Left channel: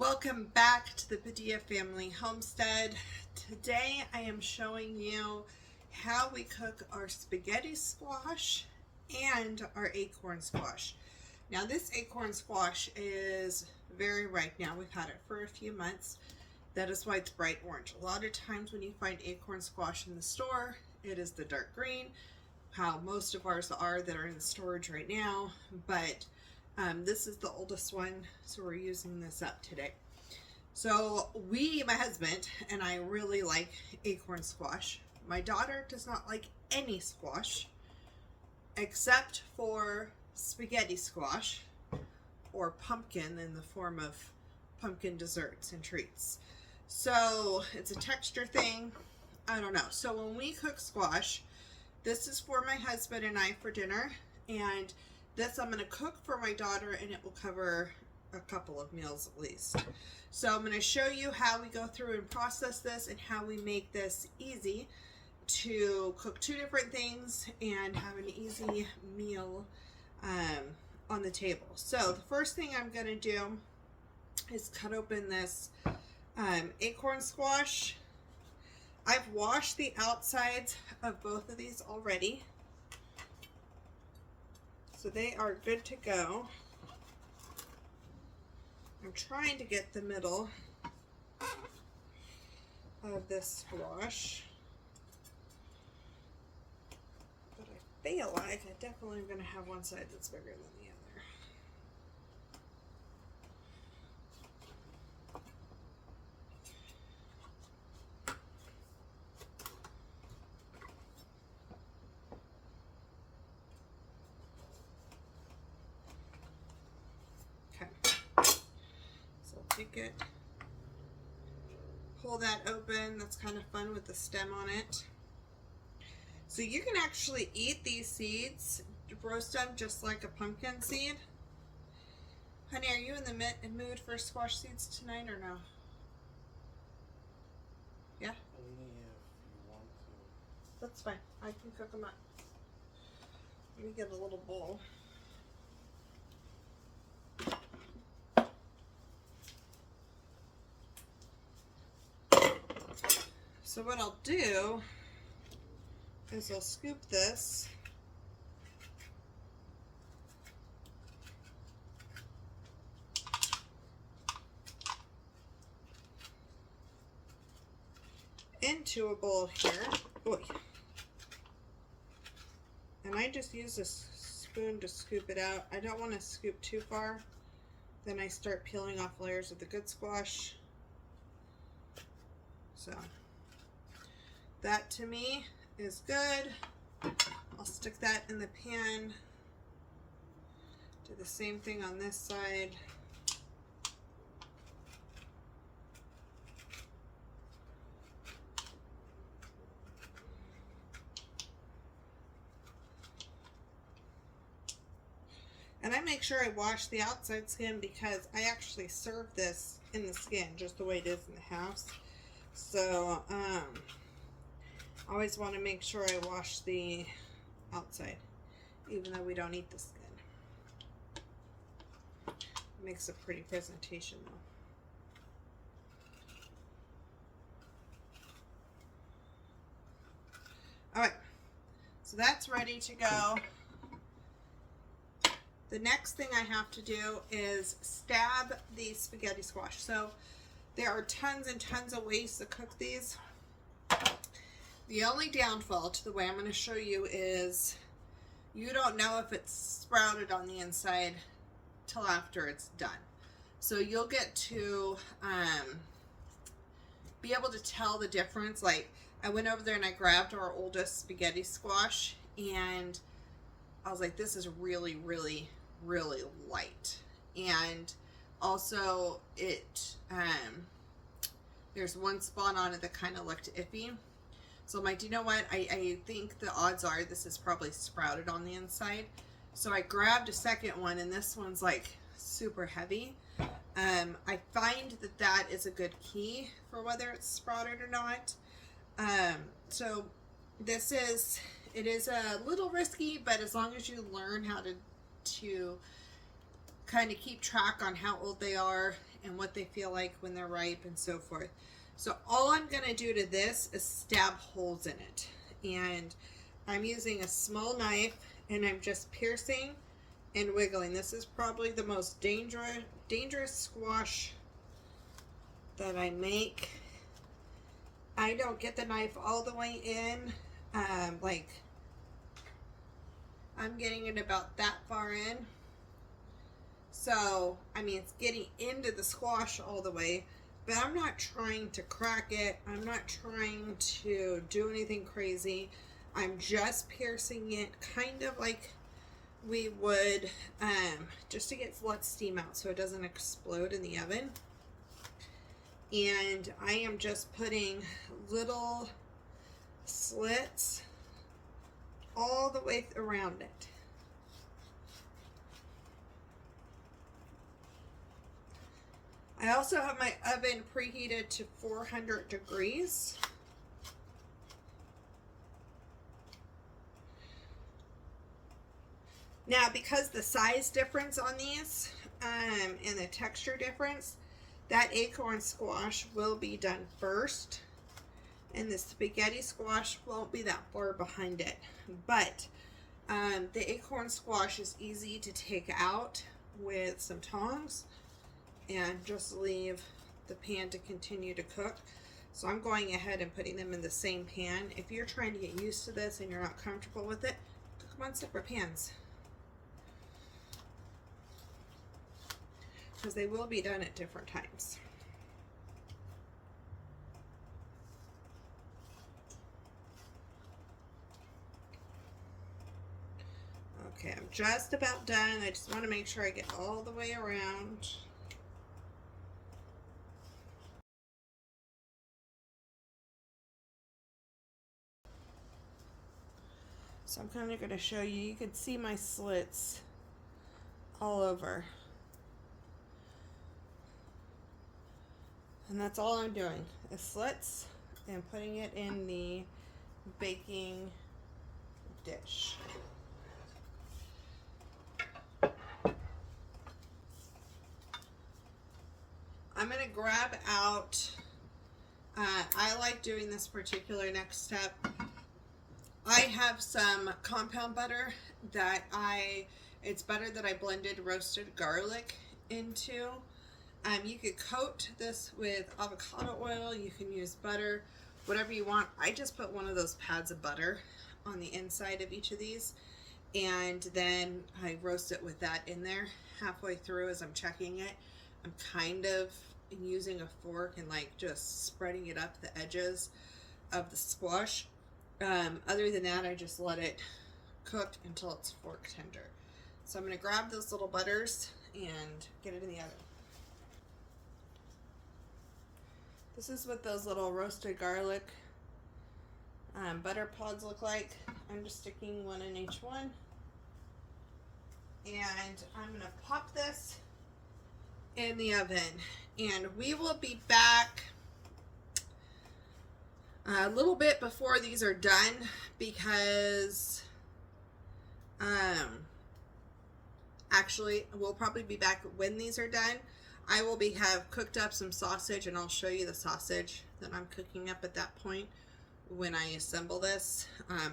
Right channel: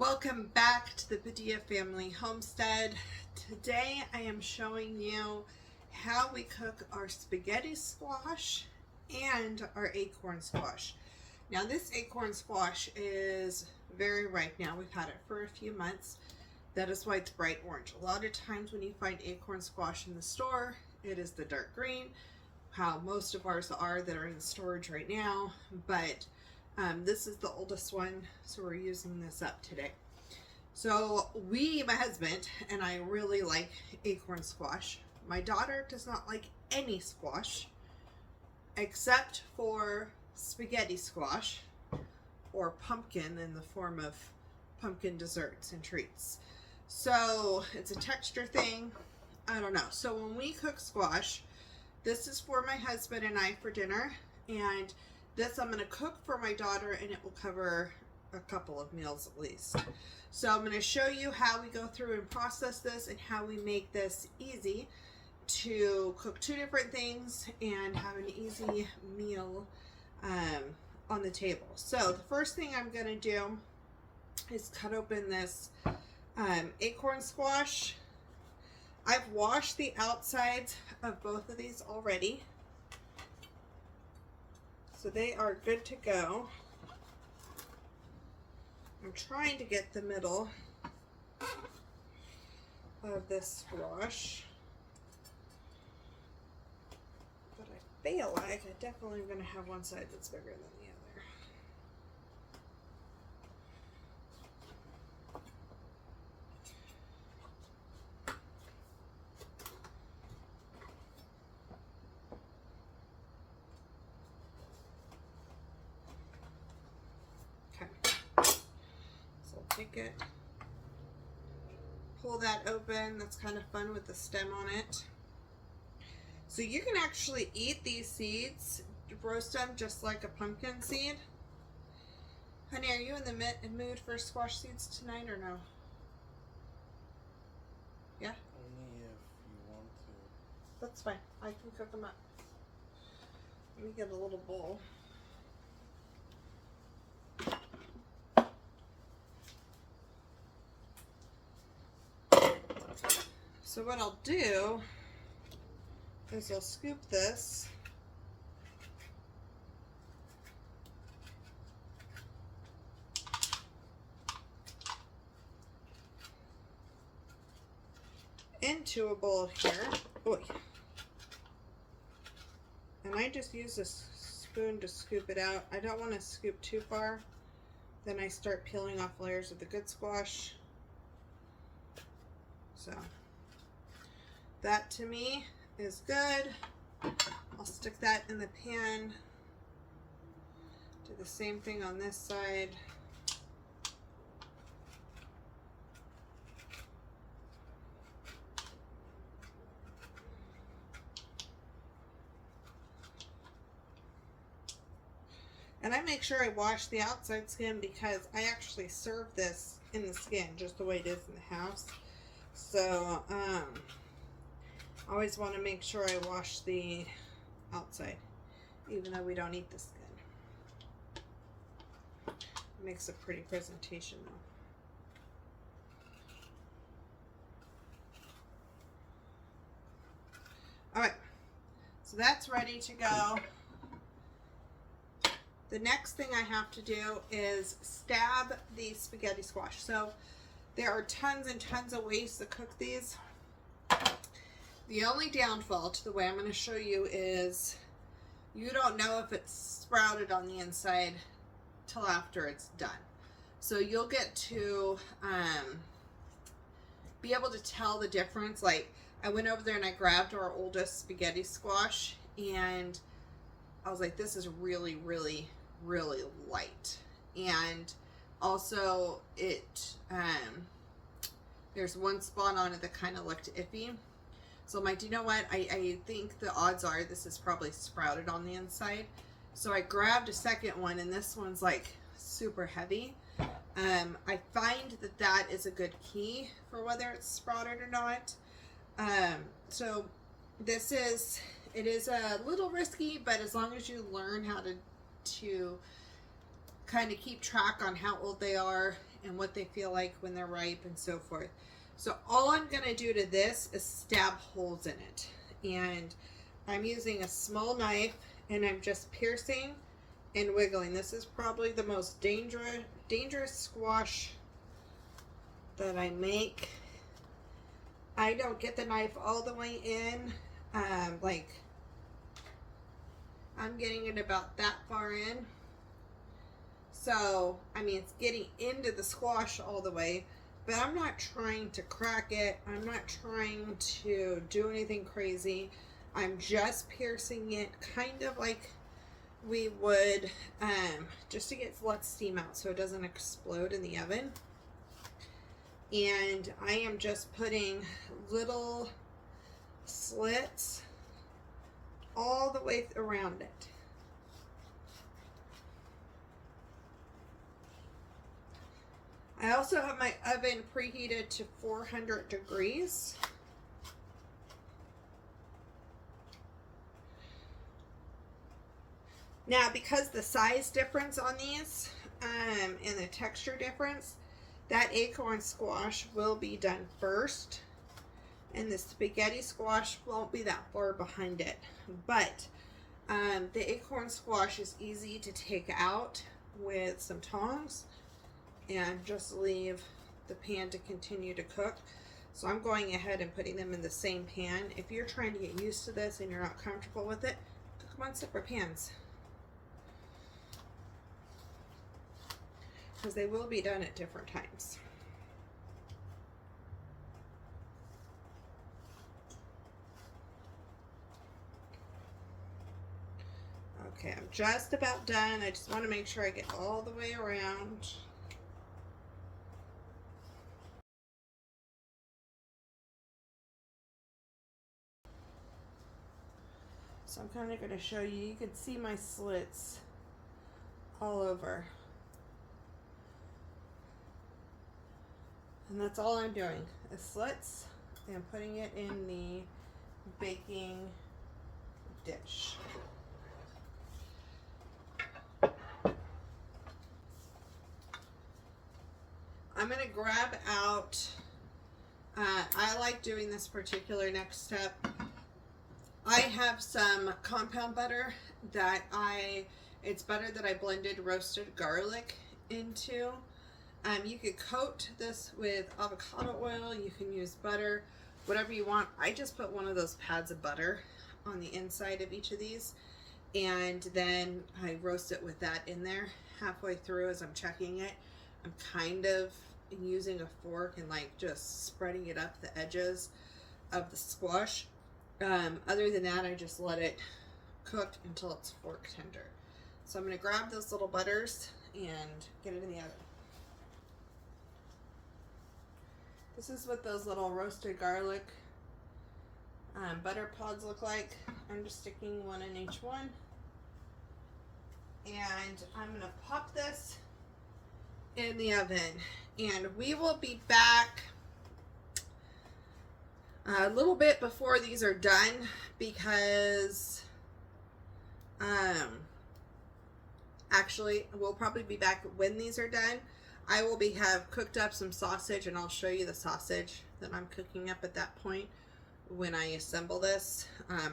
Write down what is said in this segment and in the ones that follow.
Welcome back to the Padilla Family Homestead. Today I am showing you how we cook our spaghetti squash and our acorn squash. Now this acorn squash is very ripe now. We've had it for a few months. That is why it's bright orange. A lot of times when you find acorn squash in the store, it is the dark green, how most of ours are that are in the storage right now, but this is the oldest one, so we're using this up today. So my husband and I really like acorn squash. My daughter does not like any squash except for spaghetti squash or pumpkin in the form of pumpkin desserts and treats. So it's a texture thing. I don't know. So when we cook squash, this is for my husband and I for dinner, and this I'm going to cook for my daughter, and it will cover a couple of meals at least. So I'm going to show you how we go through and process this and how we make this easy to cook two different things and have an easy meal on the table. So the first thing I'm going to do is cut open this acorn squash. I've washed the outsides of both of these already, so they are good to go. I'm trying to get the middle of this squash, but I feel like I definitely am going to have one side that's bigger than the other. Take it, pull that open. That's kind of fun with the stem on it. So you can actually eat these seeds, roast them just like a pumpkin seed. Honey, are you in the mood for squash seeds tonight or no? Yeah? Only if you want to. That's fine. I can cook them up. Let me get a little bowl. So what I'll do is I'll scoop this into a bowl here. Boy. And I just use a spoon to scoop it out. I don't want to scoop too far. Then I start peeling off layers of the good squash. So that to me is good. I'll stick that in the pan. Do the same thing on this side. And I make sure I wash the outside skin because I actually serve this in the skin just the way it is in the house. So, always want to make sure I wash the outside, even though we don't eat the skin. It makes a pretty presentation though. Alright, so that's ready to go. The next thing I have to do is stab the spaghetti squash. So there are tons and tons of ways to cook these. The only downfall to the way I'm going to show you is you don't know if it's sprouted on the inside till after it's done. So you'll get to be able to tell the difference. Like I went over there and I grabbed our oldest spaghetti squash and I was like, this is really, really, really light. And also it there's one spot on it that kind of looked iffy. So I'm like, do you know what? I think the odds are this is probably sprouted on the inside. So I grabbed a second one, and this one's like super heavy. I find that that is a good key for whether it's sprouted or not. So this is, it is a little risky, but as long as you learn how to kind of keep track on how old they are and what they feel like when they're ripe and so forth. So all I'm going to do to this is stab holes in it. And I'm using a small knife and I'm just piercing and wiggling. This is probably the most dangerous squash that I make. I don't get the knife all the way in. Like I'm getting it about that far in. So, I mean, it's getting into the squash all the way, but I'm not trying to crack it. I'm not trying to do anything crazy. I'm just piercing it kind of like we would, just to get let steam out so it doesn't explode in the oven. And I am just putting little slits all the way around it. I also have my oven preheated to 400 degrees. Now, because the size difference on these and the texture difference, that acorn squash will be done first, and the spaghetti squash won't be that far behind it. But the acorn squash is easy to take out with some tongs and just leave the pan to continue to cook. So I'm going ahead and putting them in the same pan. If you're trying to get used to this and you're not comfortable with it, cook them on separate pans, because they will be done at different times. Okay, I'm just about done. I just want to make sure I get all the way around. So I'm kind of going to show you. You can see my slits all over. And that's all I'm doing, is slits and putting it in the baking dish. I'm going to grab out, I like doing this particular next step. I have some compound butter that it's butter that I blended roasted garlic into. You could coat this with avocado oil, you can use butter, whatever you want. I just put one of those pads of butter on the inside of each of these, and then I roast it with that in there. Halfway through, as I'm checking it, I'm kind of using a fork and like just spreading it up the edges of the squash. Other than that, I just let it cook until it's fork tender. So I'm going to grab those little butters and get it in the oven. This is what those little roasted garlic butter pods look like. I'm just sticking one in each one. And I'm going to pop this in the oven. And we will be back a little bit before these are done, because actually we'll probably be back when these are done. I will have cooked up some sausage, and I'll show you the sausage that I'm cooking up at that point when I assemble this,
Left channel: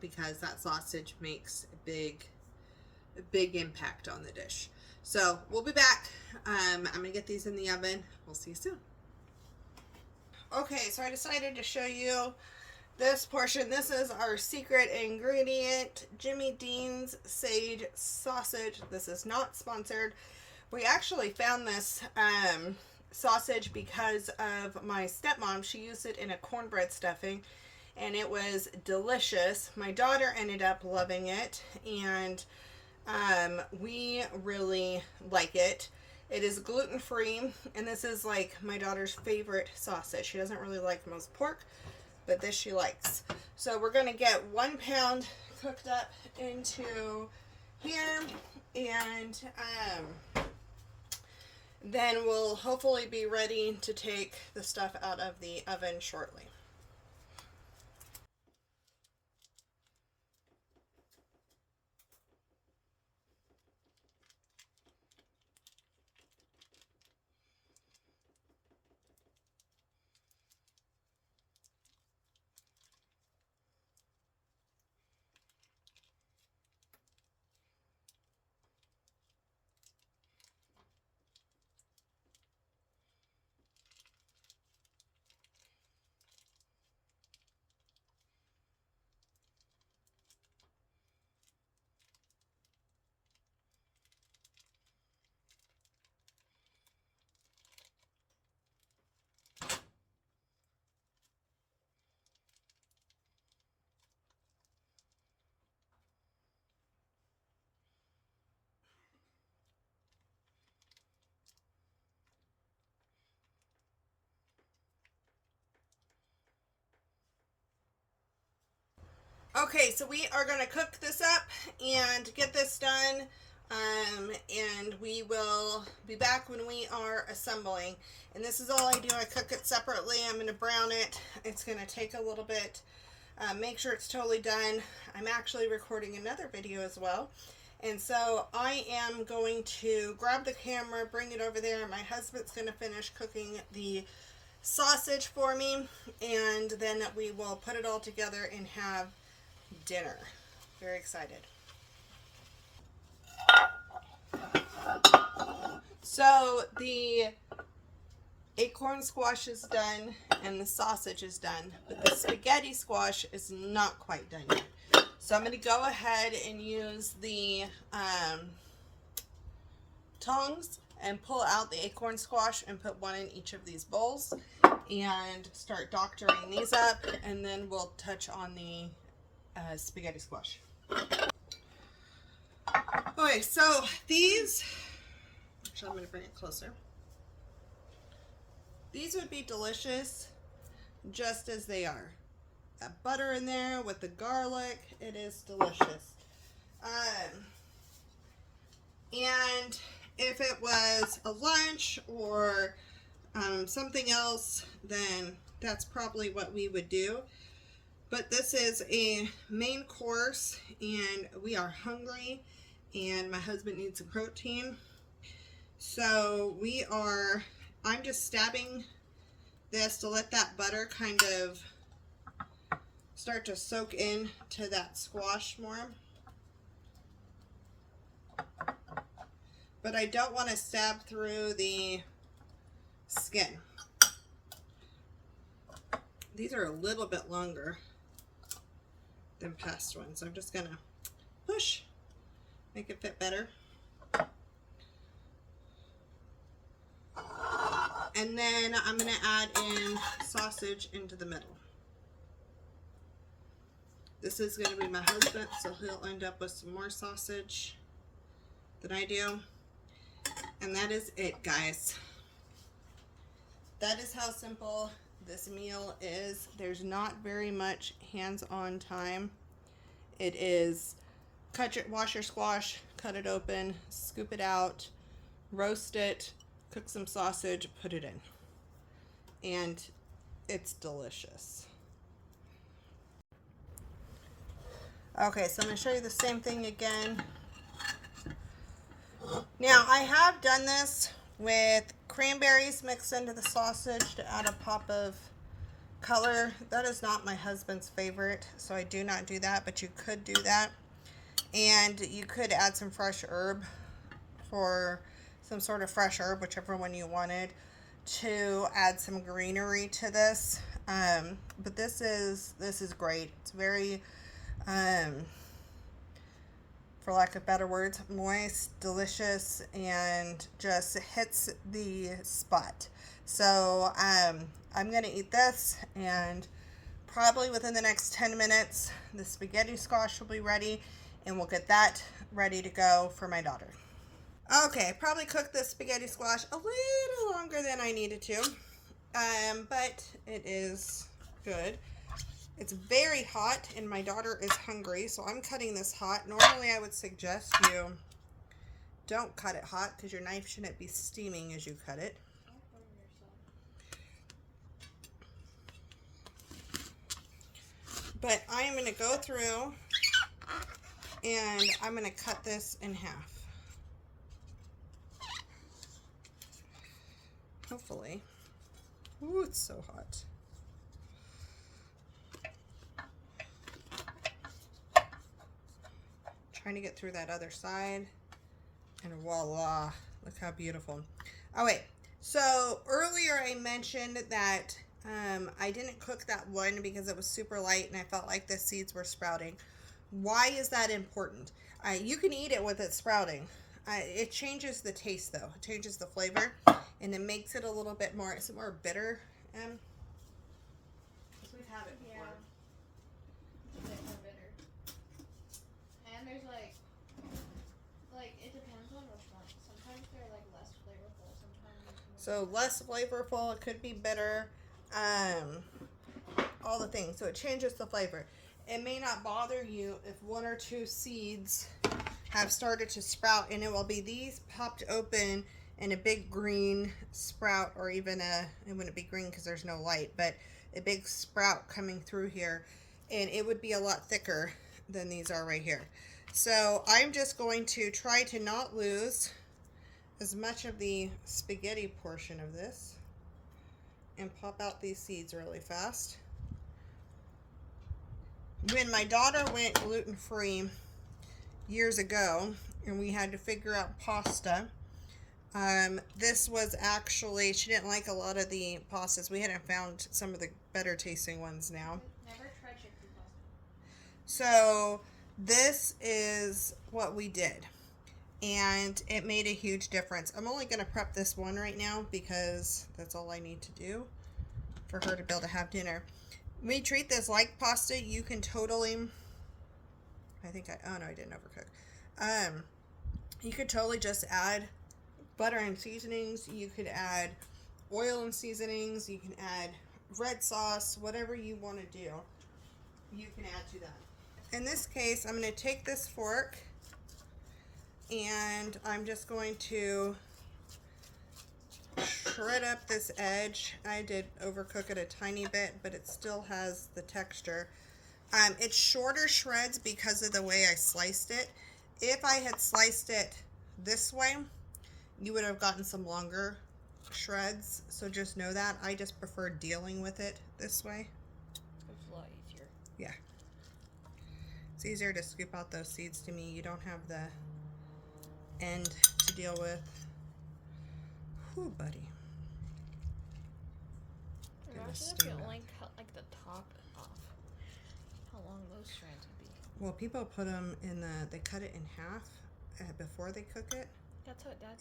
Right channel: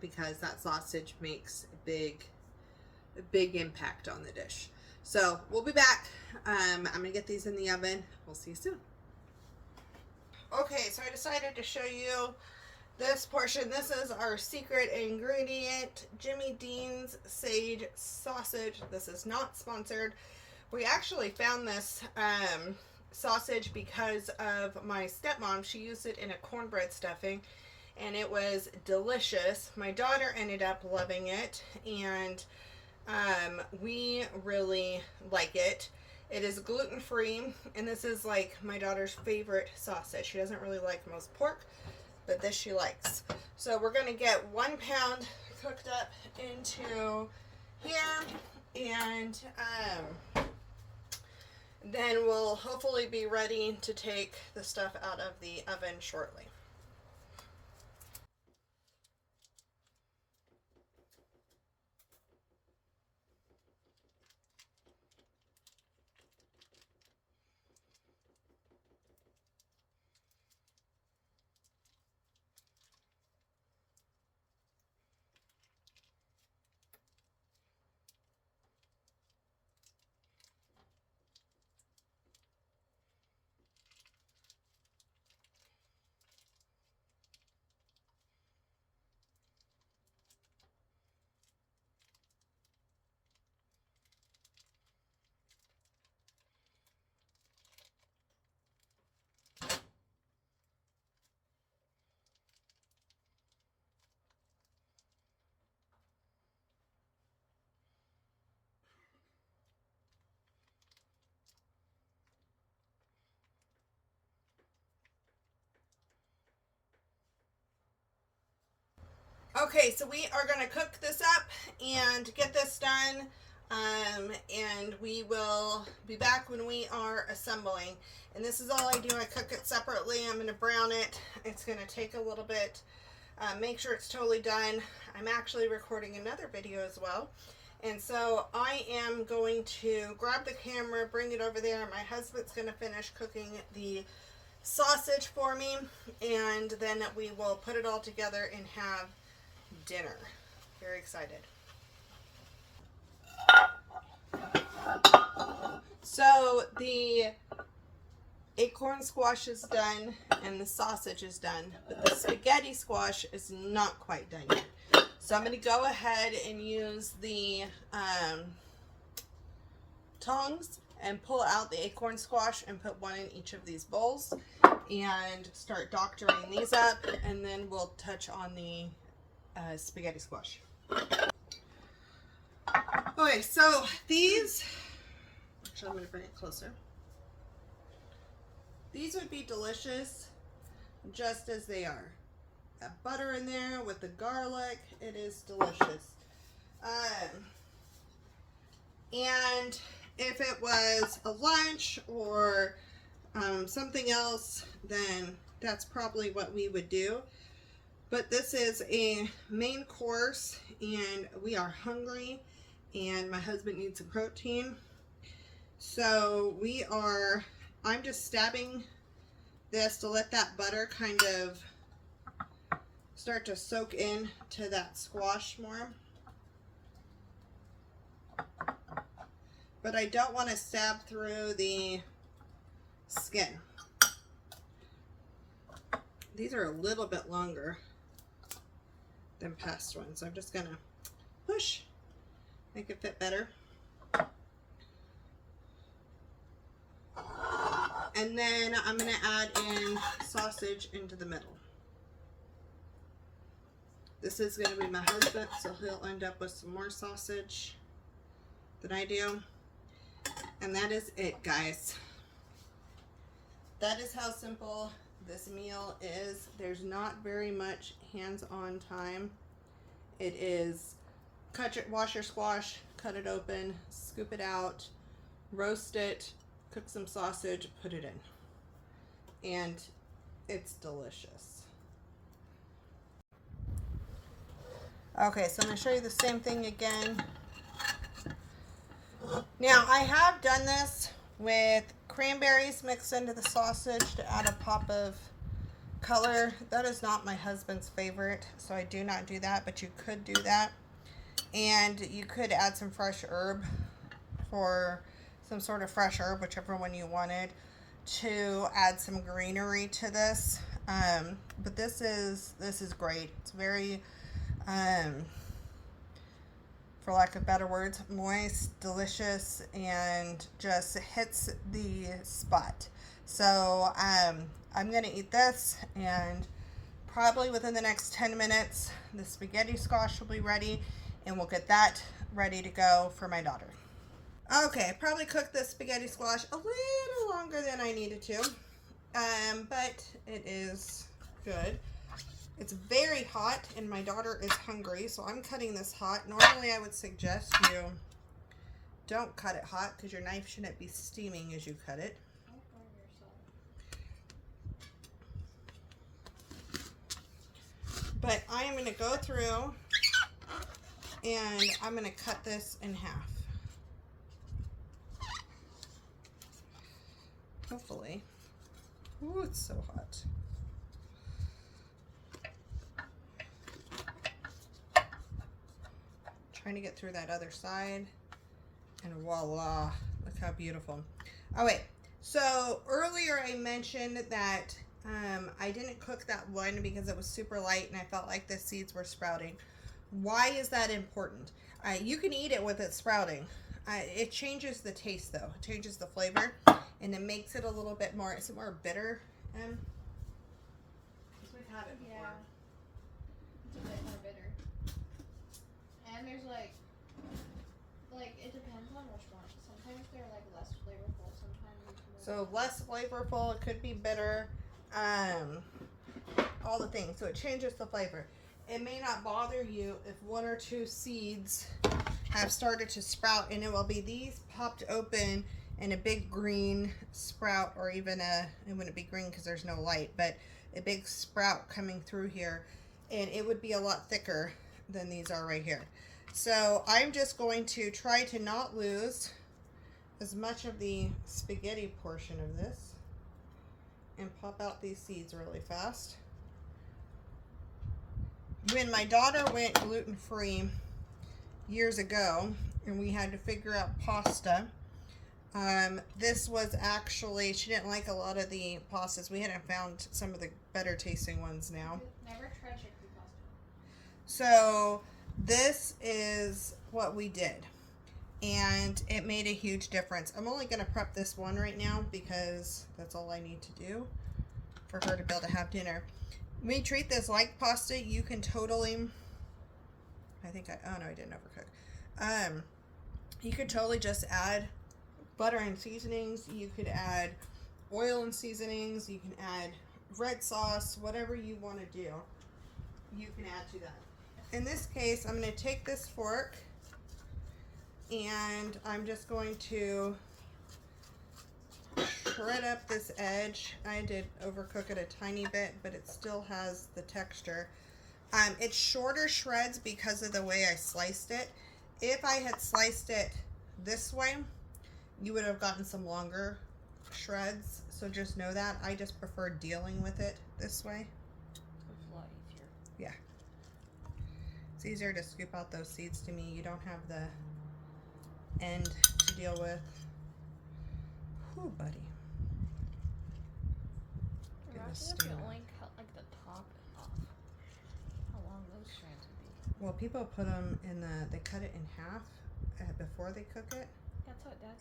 because that sausage makes a big impact on the dish. So we'll be back. I'm gonna get these in the oven. We'll see you soon. Okay, so I decided to show you this portion. This is our secret ingredient, Jimmy Dean's sage sausage. This is not sponsored. We actually found this sausage because of my stepmom. She used it in a cornbread stuffing, and it was delicious. My daughter ended up loving it, and we really like it. It is gluten-free, and this is like my daughter's favorite sausage. She doesn't really like most pork, but this she likes. So we're going to get 1 pound cooked up into here, and then we'll hopefully be ready to take the stuff out of the oven shortly. Okay, so we are going to cook this up and get this done. And we will be back when we are assembling. And this is all I do. I cook it separately. I'm going to brown it. It's going to take a little bit. Make sure it's totally done. I'm actually recording another video as well. And so I am going to grab the camera, bring it over there. My husband's going to finish cooking the sausage for me. And then we will put it all together and have dinner. Very excited. So the acorn squash is done and the sausage is done, but the spaghetti squash is not quite done yet. So I'm going to go ahead and use the tongs and pull out the acorn squash and put one in each of these bowls and start doctoring these up, and then we'll touch on the spaghetti squash. Okay, so these, actually I'm going to bring it closer. These would be delicious just as they are. That butter in there with the garlic, it is delicious. And if it was a lunch or something else, then that's probably what we would do. But this is a main course and we are hungry and my husband needs a protein. So I'm just stabbing this to let that butter kind of start to soak in to that squash more. But I don't want to stab through the skin. These are a little bit longer than past ones. I'm just gonna push, make it fit better. And then I'm gonna add in sausage into the middle. This is gonna be my husband, so he'll end up with some more sausage than I do. And that is it, guys. That is how simple this meal is. There's not very much hands-on time. It is wash your squash, cut it open, scoop it out, roast it, cook some sausage, put it in. And it's delicious. Okay, so I'm going to show you the same thing again. Now, I have done this with cranberries mixed into the sausage to add a pop of color. That is not my husband's favorite, so I do not do that, but you could do that. And you could add some fresh herb, for some sort of fresh herb, whichever one you wanted, to add some greenery to this. But this is great. It's very, for lack of better words, moist, delicious, and just hits the spot. So I'm gonna eat this, and probably within the next 10 minutes the spaghetti squash will be ready, and we'll get that ready to go for my daughter. Okay, I probably cooked the spaghetti squash a little longer than I needed to, but it is good. It's very hot and my daughter is hungry, so I'm cutting this hot. Normally I would suggest you don't cut it hot because your knife shouldn't be steaming as you cut it. But I am going to go through and I'm going to cut this in half. Hopefully. Ooh, it's so hot. Trying to get through that other side, and voila, look how beautiful. Oh wait, so earlier I mentioned that I didn't cook that one because it was super light and I felt like the seeds were sprouting. Why is that important? You can eat it with it sprouting. It changes the taste though. It changes the flavor and it makes it a little bit more, is it more bitter? We've had it before. Yeah. It's a bit more bitter. And there's like it depends on which one. Sometimes they're like less flavorful, sometimes it's more. So less flavorful, it could be bitter, all the things. So it changes the flavor. it may not bother you if one or two seeds have started to sprout, and it will be these popped open and a big green sprout, or even it wouldn't be green because there's no light, but a big sprout coming through here, and it would be a lot thicker than these are right here. So I'm just going to try to not lose as much of the spaghetti portion of this and pop out these seeds really fast. When my daughter went gluten-free years ago and we had to figure out pasta, this was actually, she didn't like a lot of the pastas. We hadn't found some of the better tasting ones now. Never tried chickpea pasta. So this is what we did, and it made a huge difference. I'm only going to prep this one right now because that's all I need to do for her to be able to have dinner. We treat this like pasta. You can totally, oh no, I didn't overcook. You could totally just add butter and seasonings. You could add oil and seasonings. You can add red sauce, whatever you want to do, you can add to that. In this case, I'm going to take this fork and I'm just going to shred up this edge. I did overcook it a tiny bit, but it still has the texture. It's shorter shreds because of the way I sliced it. If I had sliced it this way, you would have gotten some longer shreds. So just know that. I just prefer dealing with it this way. It's a lot easier. Yeah. It's easier to scoop out those seeds to me. You don't have the end to deal with. Whew, buddy. Imagine if you only cut like the top off. How long those strands would be. Well, people put them in they cut it in half before they cook it. That's what that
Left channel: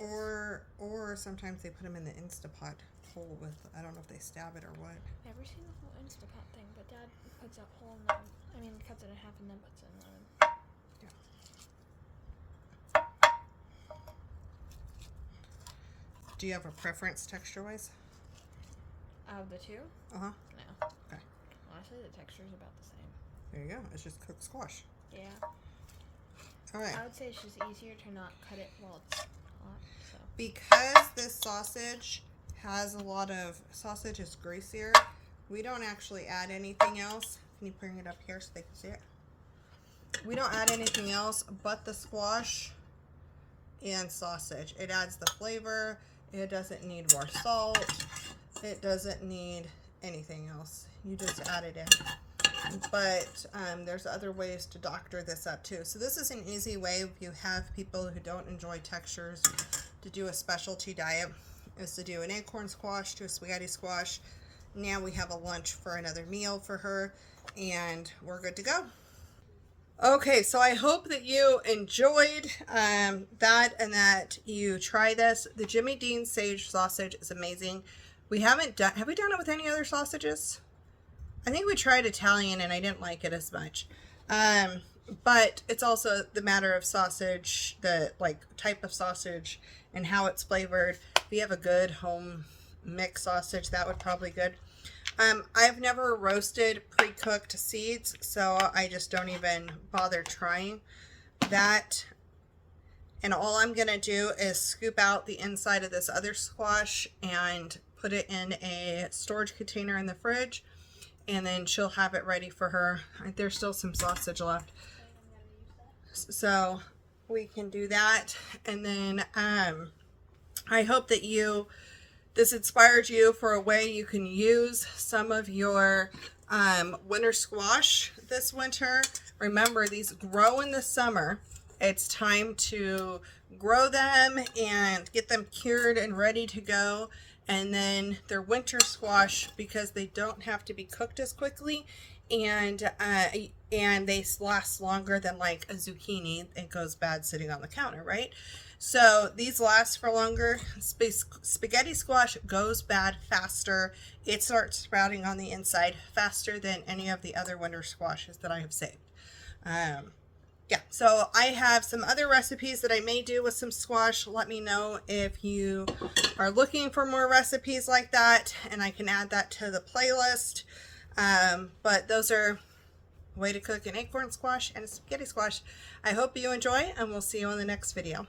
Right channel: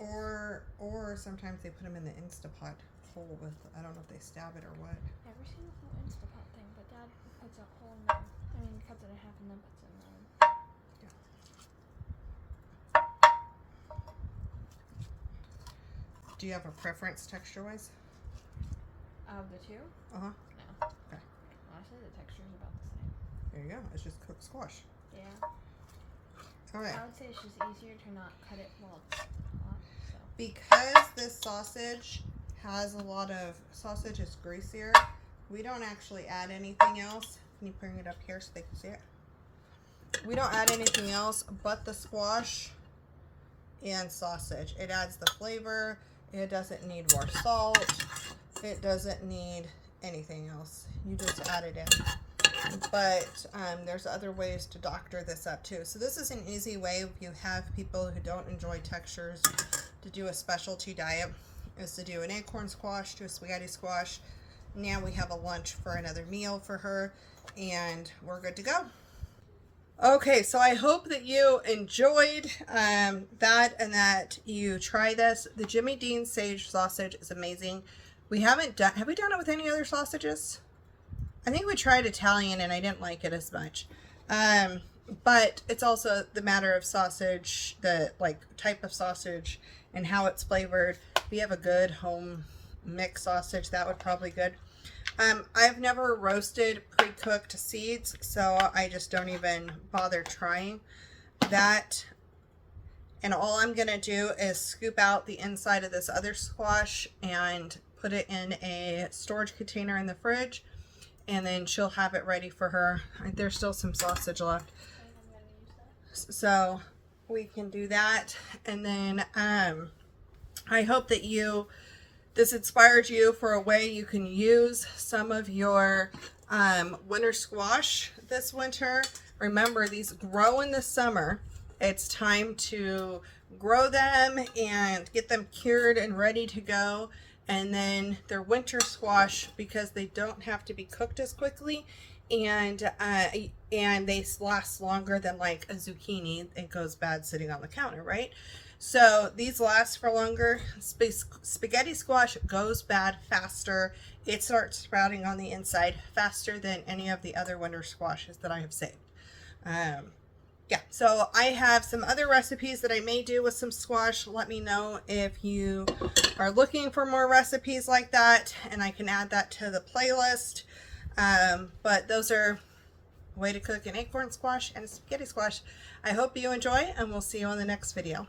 Or sometimes they put them in the Instapot hole with, I don't know if they stab it or what. Never seen the whole Instapot thing, but Dad puts a hole in there. I mean, cuts it in half and then puts it in there. Do you have a preference texture-wise? Of the two? Uh-huh. No. Okay. Honestly, the texture is about the same. There you go. It's just cooked squash. Yeah. All right. I would say it's just easier to not cut it while it's hot. So. Because this sausage has a lot of, sausage is greasier, we don't actually add anything else. Can you bring it up here so they can see it? We don't add anything else but the squash and sausage. It adds the flavor. It doesn't need more salt. It doesn't need anything else. You just add it in. But there's other ways to doctor this up too. So this is an easy way if you have people who don't enjoy textures to do a specialty diet, is to do an acorn squash, do a spaghetti squash. Now we have a lunch for another meal for her, and we're good to go. Okay, so I hope that you enjoyed that and that you try this. The Jimmy Dean sage sausage is amazing. We haven't done, have we done it with any other sausages? I think we tried Italian and I didn't like it as much. But it's also the matter of sausage, the type of sausage and how it's flavored. If you have a good home mix sausage, that would probably be good. I've never roasted pre-cooked seeds, so I just don't even bother trying that. And all I'm going to do is scoop out the inside of this other squash and put it in a storage container in the fridge, and then she'll have it ready for her. There's still some sausage left, so we can do that. And then I hope that this inspired you for a way you can use some of your winter squash this winter. Remember, these grow in the summer. It's time to grow them and get them cured and ready to go. And then they're winter squash because they don't have to be cooked as quickly, and they last longer than like a zucchini. It goes bad sitting on the counter, right? So these last for longer. Spaghetti squash goes bad faster. It starts sprouting on the inside faster than any of the other winter squashes that I have saved. Yeah, so I have some other recipes that I may do with some squash. Let me know if you are looking for more recipes like that, and I can add that to the playlist. But those are, way to cook an acorn squash and a spaghetti squash. I hope you enjoy, and we'll see you in the next video.